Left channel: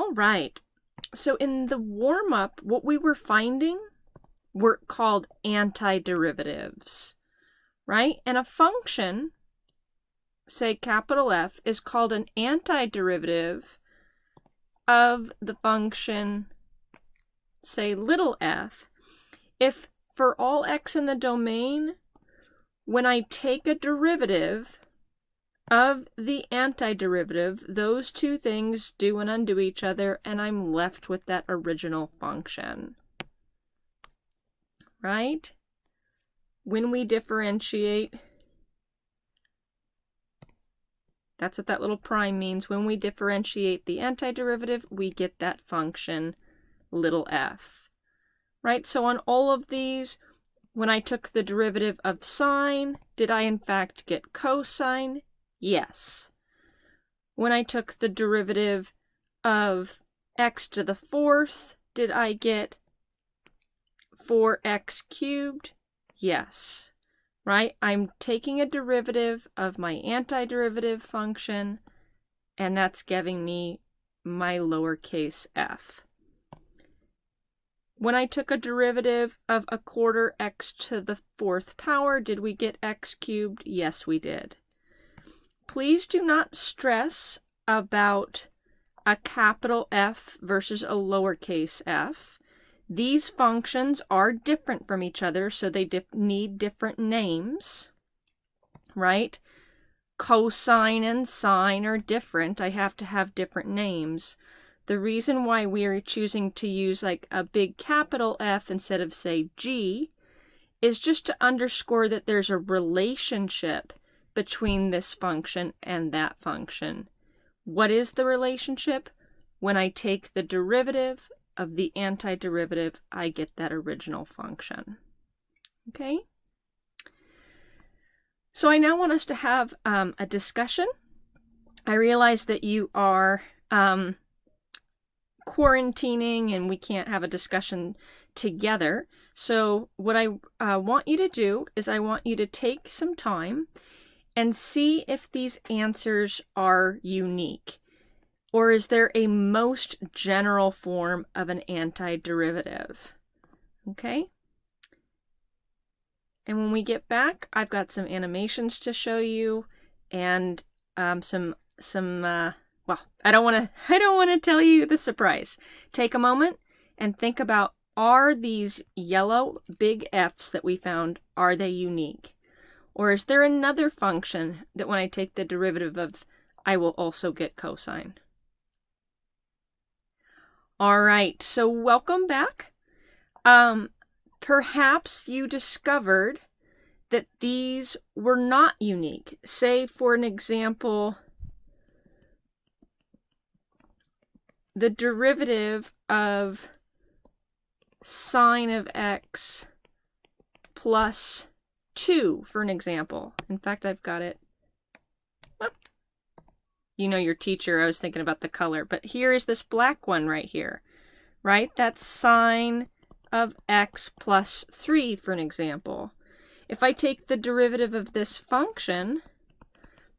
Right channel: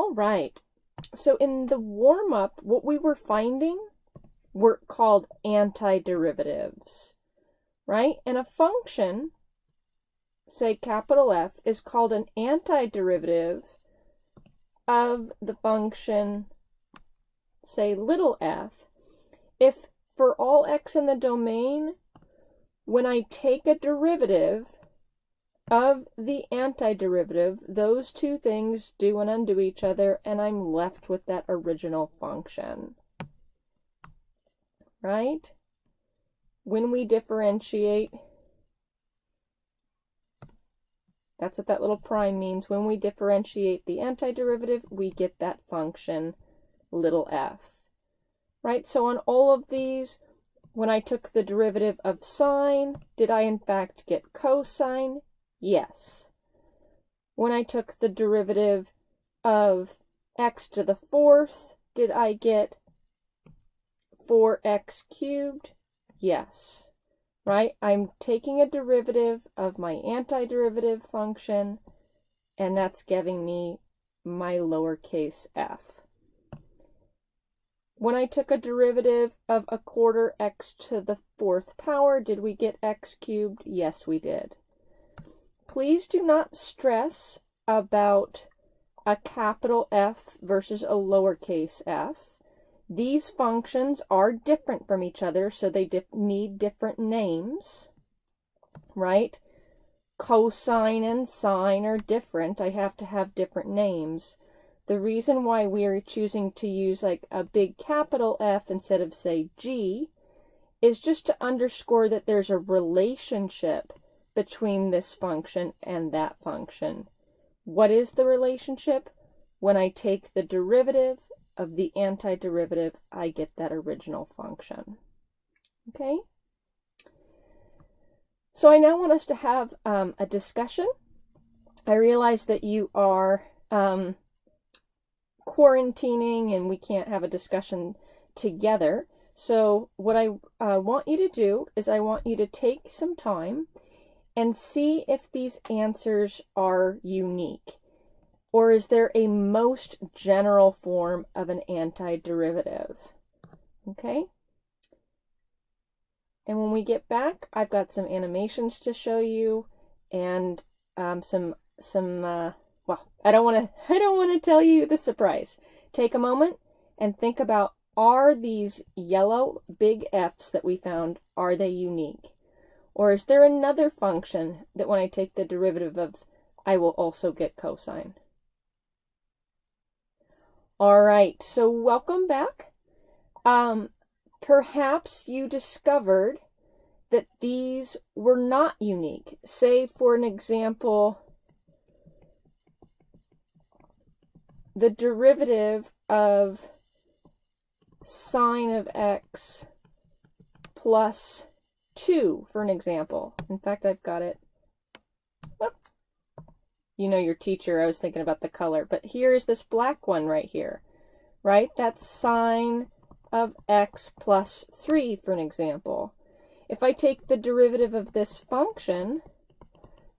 All right. So in the warm-up, what we were finding were called antiderivatives, right? And a function, say capital F, is called an antiderivative of the function, say little f, if for all x in the domain, when I take a derivative of the antiderivative, those two things do and undo each other, and I'm left with that original function, right? When we differentiate, that's what that little prime means. When we differentiate the antiderivative, we get that function little f, right? So on all of these, when I took the derivative of sine, did I in fact get cosine? Yes. When I took the derivative of x to the fourth, did I get 4x cubed? Yes. Right? I'm taking a derivative of my antiderivative function, and that's giving me my lowercase f. When I took a derivative of a quarter x to the fourth power, did we get x cubed? Yes, we did. Please do not stress about a capital F versus a lowercase f. These functions are different from each other, so they need different names, right? Cosine and sine are different. I have to have different names. The reason why we are choosing to use like a big capital F instead of, say, G, is just to underscore that there's a relationship between this function and that function. What is the relationship? When I take the derivative of the antiderivative, I get that original function. Okay? So I now want us to have a discussion. I realize that you are quarantining and we can't have a discussion together. So what I want you to do is I want you to take some time and see if these answers are unique. Or is there a most general form of an antiderivative? Okay? And when we get back, I've got some animations to show you and well, I don't want to tell you the surprise. Take a moment and think about, are these yellow big F's that we found, are they unique? Or is there another function that when I take the derivative of, I will also get cosine? All right, so welcome back. Perhaps you discovered that these were not unique. Say, for an example, the derivative of sine of x plus 2, for an example. In fact, I've got it. Well, you know your teacher, I was thinking about the color, but here is this black one right here, right? That's sine of x plus 3, for an example. If I take the derivative of this function,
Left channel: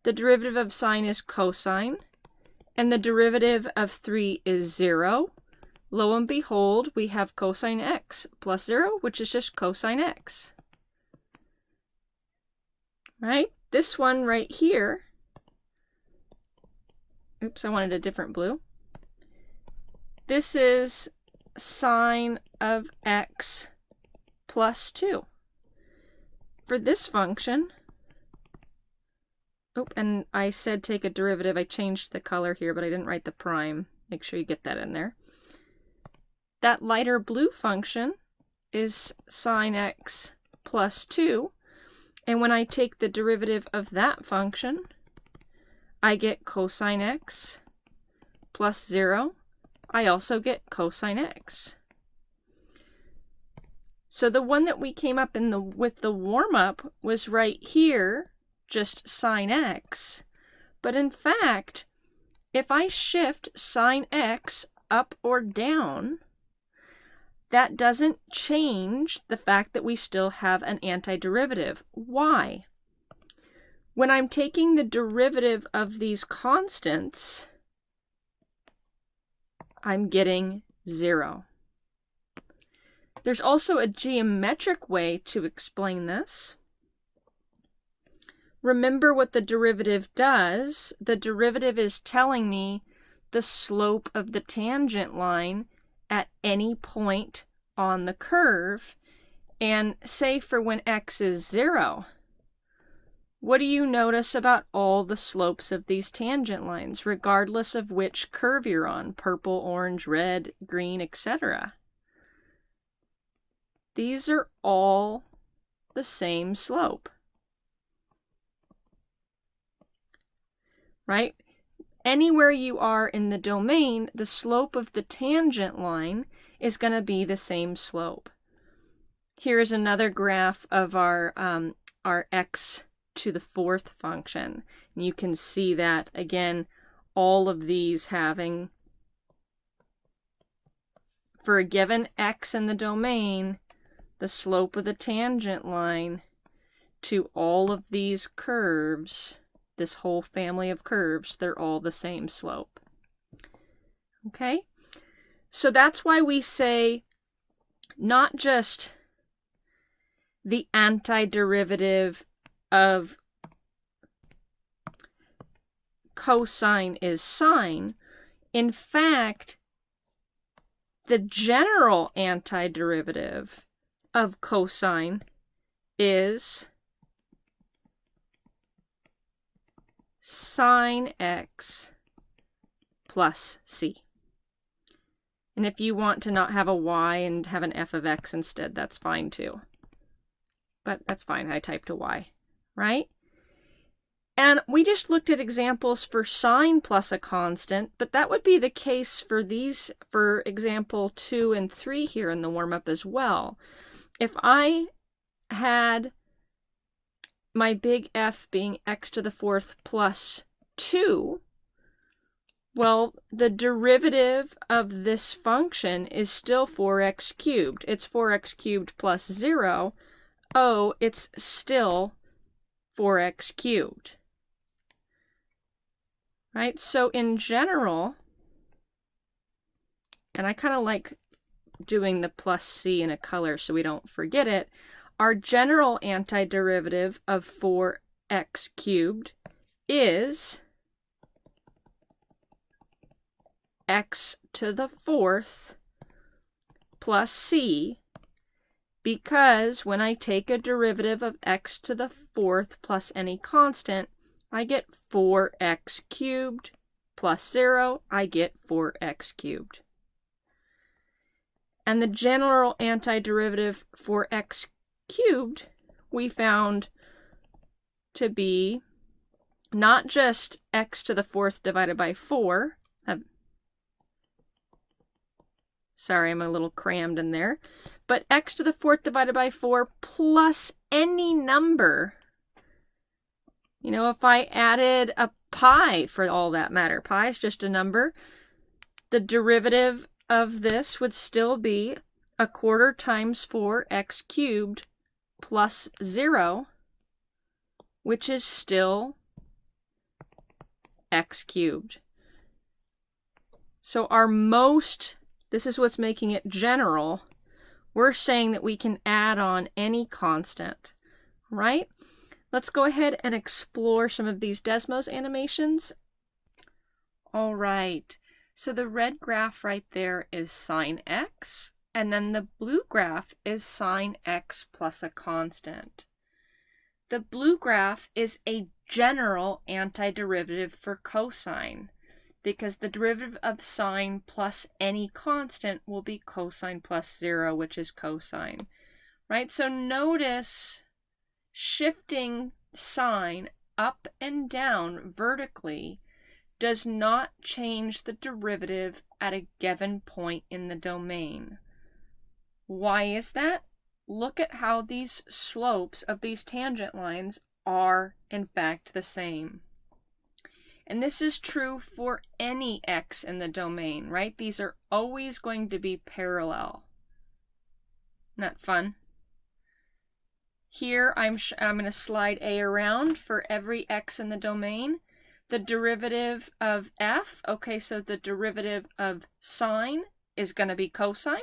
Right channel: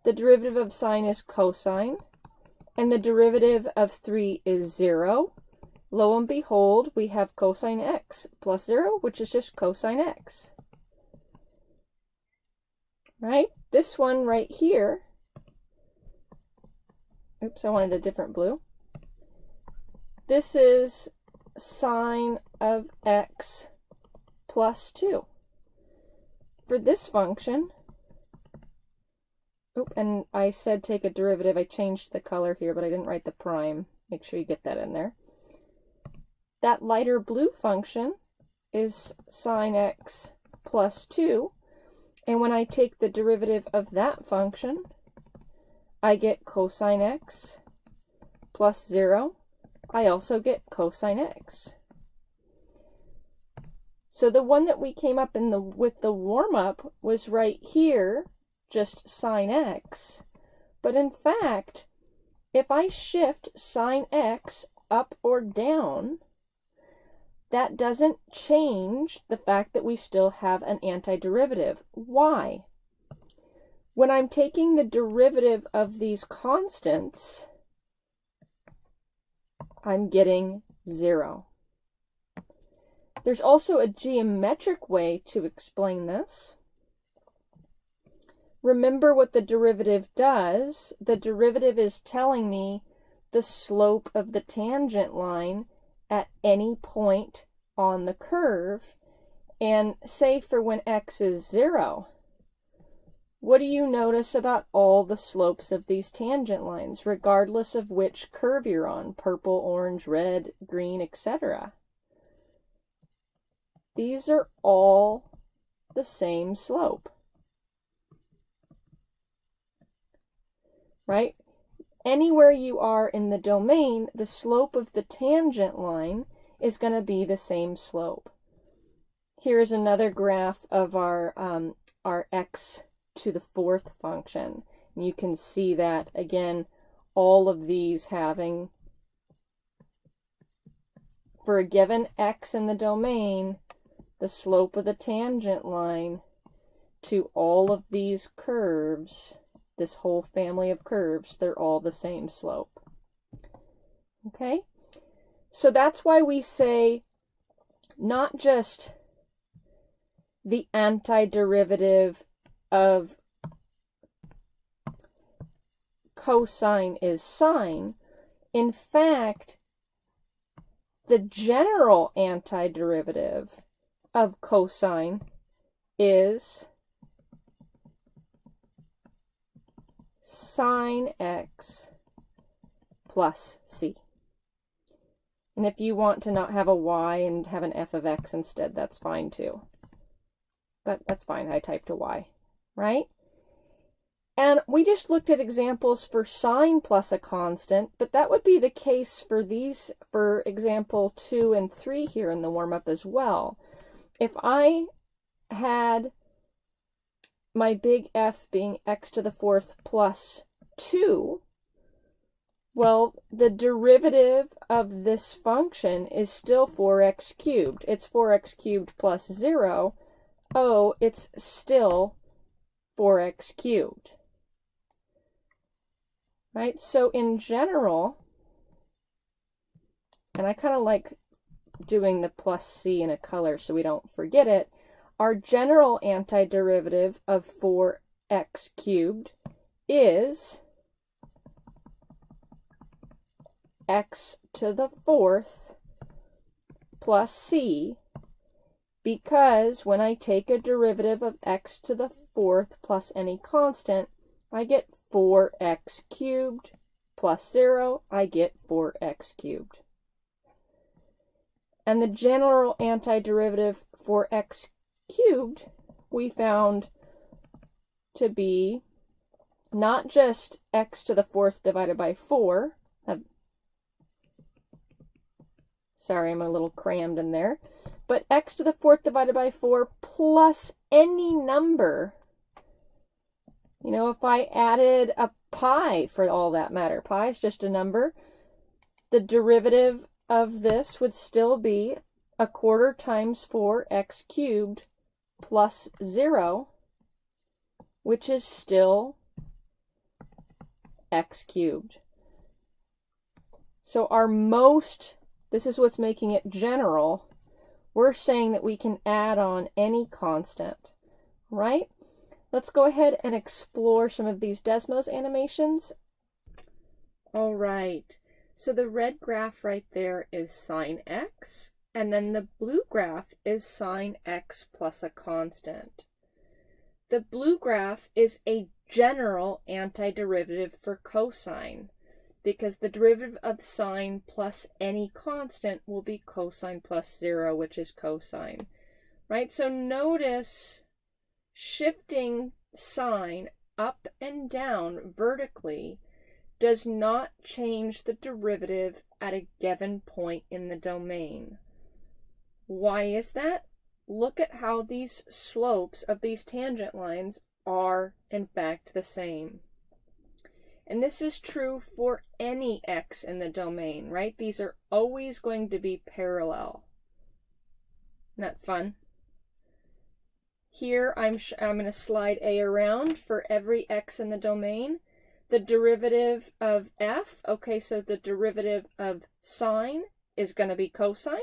the derivative of sine is cosine, and the derivative of 3 is 0. Lo and behold, we have cosine x plus 0, which is just cosine x. Right? This one right here, oops, I wanted a different blue. This is sine of x plus 2. For this function, and I said take a derivative. I changed the color here, but I didn't write the prime. Make sure you get that in there. That lighter blue function is sine x plus 2. And when I take the derivative of that function, I get cosine x plus 0. I also get cosine x. So the one that we came up with the warm-up was right here, just sine x. But in fact, if I shift sine x up or down, that doesn't change the fact that we still have an antiderivative. Why? When I'm taking the derivative of these constants, I'm getting 0. There's also a geometric way to explain this. Remember what the derivative does. The derivative is telling me the slope of the tangent line at any point on the curve. And say for when x is 0, what do you notice about all the slopes of these tangent lines, regardless of which curve you're on, purple, orange, red, green, etc.? These are all the same slope, right? Anywhere you are in the domain, the slope of the tangent line is going to be the same slope. Here's another graph of our x to the 4th function. And you can see that, again, all of these having, for a given x in the domain, the slope of the tangent line to all of these curves, this whole family of curves, they're all the same slope. Okay? So that's why we say not just the antiderivative of cosine is sine. In fact, the general antiderivative of cosine is sine x plus c. And if you want to not have a y and have an f of x instead, that's fine too. But that's fine, I typed a y, right? And we just looked at examples for sine plus a constant, but that would be the case for these, for example 2 and 3 here in the warm-up as well. If I had my big F being x to the 4th plus 2, well, the derivative of this function is still 4x cubed. It's 4x cubed plus 0. Oh, it's still 4x cubed. Right? So in general, and I kind of like doing the plus c in a color so we don't forget it, our general antiderivative of 4x cubed is x to the 4th plus c, because when I take a derivative of x to the 4th plus any constant, I get 4x cubed plus 0, I get 4x cubed. And the general antiderivative for x cubed we found to be not just x to the 4th divided by 4. Sorry, I'm a little crammed in there. But x to the 4th divided by 4 plus any number. You know, if I added a pi for all that matter, pi is just a number, the derivative of this would still be 1/4 times 4x cubed plus 0, which is still x cubed. So our most, this is what's making it general, we're saying that we can add on any constant, right? Let's go ahead and explore some of these Desmos animations. All right, so the red graph right there is sine x, and then the blue graph is sine x plus a constant. The blue graph is a general antiderivative for cosine, because the derivative of sine plus any constant will be cosine plus 0, which is cosine, right? So notice shifting sine up and down vertically does not change the derivative at a given point in the domain. Why is that? Look at how these slopes of these tangent lines are in fact the same. And this is true for any x in the domain, right? These are always going to be parallel. Isn't that fun? Here I'm going to slide A around for every x in the domain. The derivative of f, okay, so the derivative of sine is going to be cosine.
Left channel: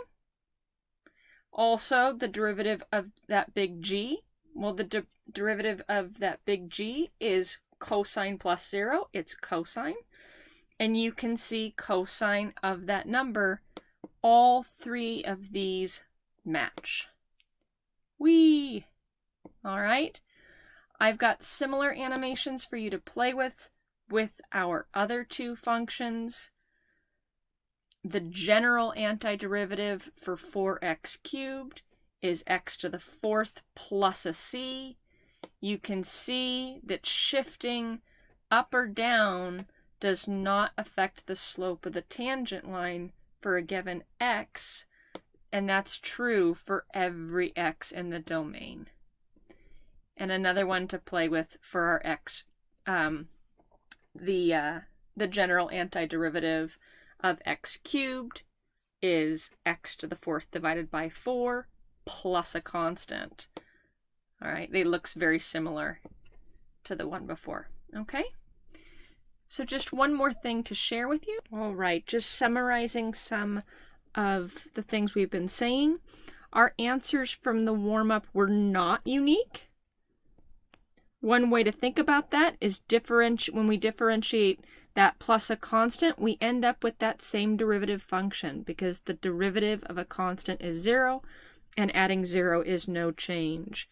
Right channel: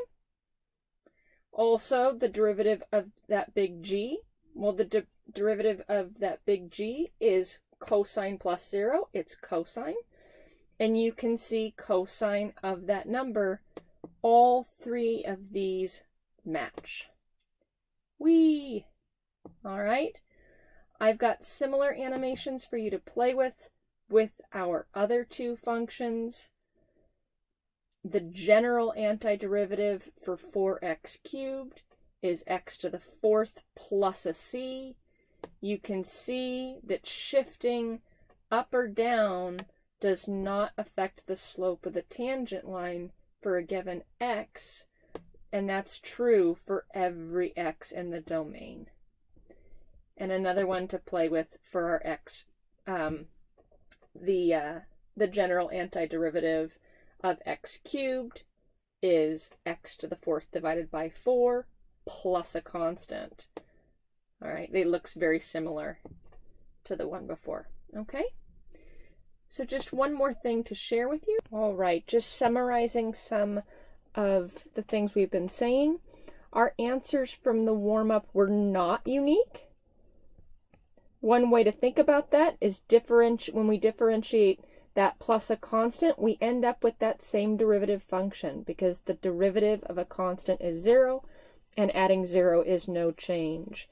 Also, the derivative of that big G, well, the derivative of that big G is cosine plus 0. It's cosine. And you can see cosine of that number. All three of these match. Whee! All right. I've got similar animations for you to play with our other two functions. The general antiderivative for 4x cubed is x to the 4th plus a c. You can see that shifting up or down does not affect the slope of the tangent line for a given x, and that's true for every x in the domain. And another one to play with for our x, the general antiderivative of x cubed is x to the 4th divided by 4 plus a constant. All right, it looks very similar to the one before. Okay, so just one more thing to share with you. All right, just summarizing some of the things we've been saying. Our answers from the warm-up were not unique. One way to think about that is when we differentiate that plus a constant, we end up with that same derivative function because the derivative of a constant is 0 and adding 0 is no change.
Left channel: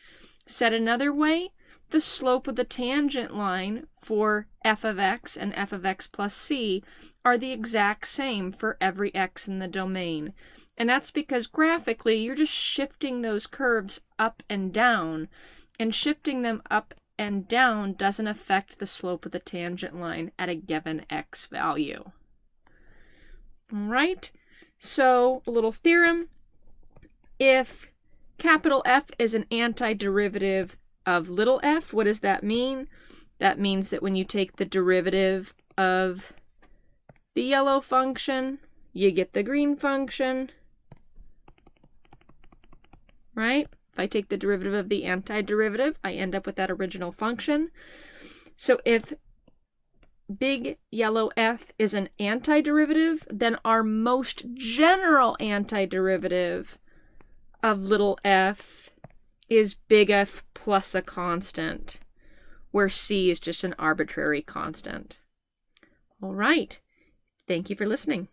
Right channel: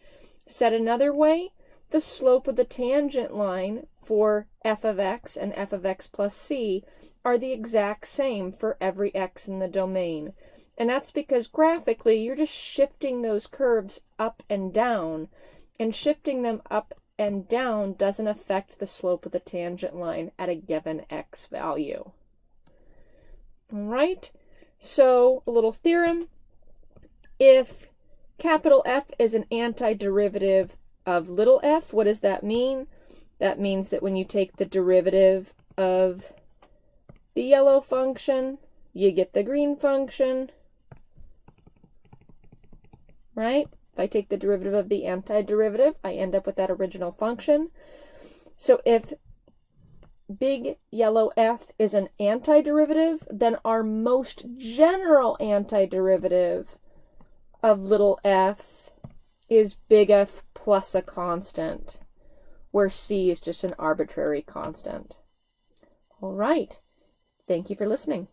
Said another way, the slope of the tangent line for f of x and f of x plus c are the exact same for every x in the domain. And that's because graphically you're just shifting those curves up and down, and shifting them up and down doesn't affect the slope of the tangent line at a given x value. All right, so a little theorem. If capital F is an antiderivative of little f, what does that mean? That means that when you take the derivative of the yellow function, you get the green function, right? If I take the derivative of the antiderivative, I end up with that original function. So if big yellow f is an antiderivative, then our most general antiderivative of little f is big F plus a constant, where c is just an arbitrary constant. All right. Thank you for listening.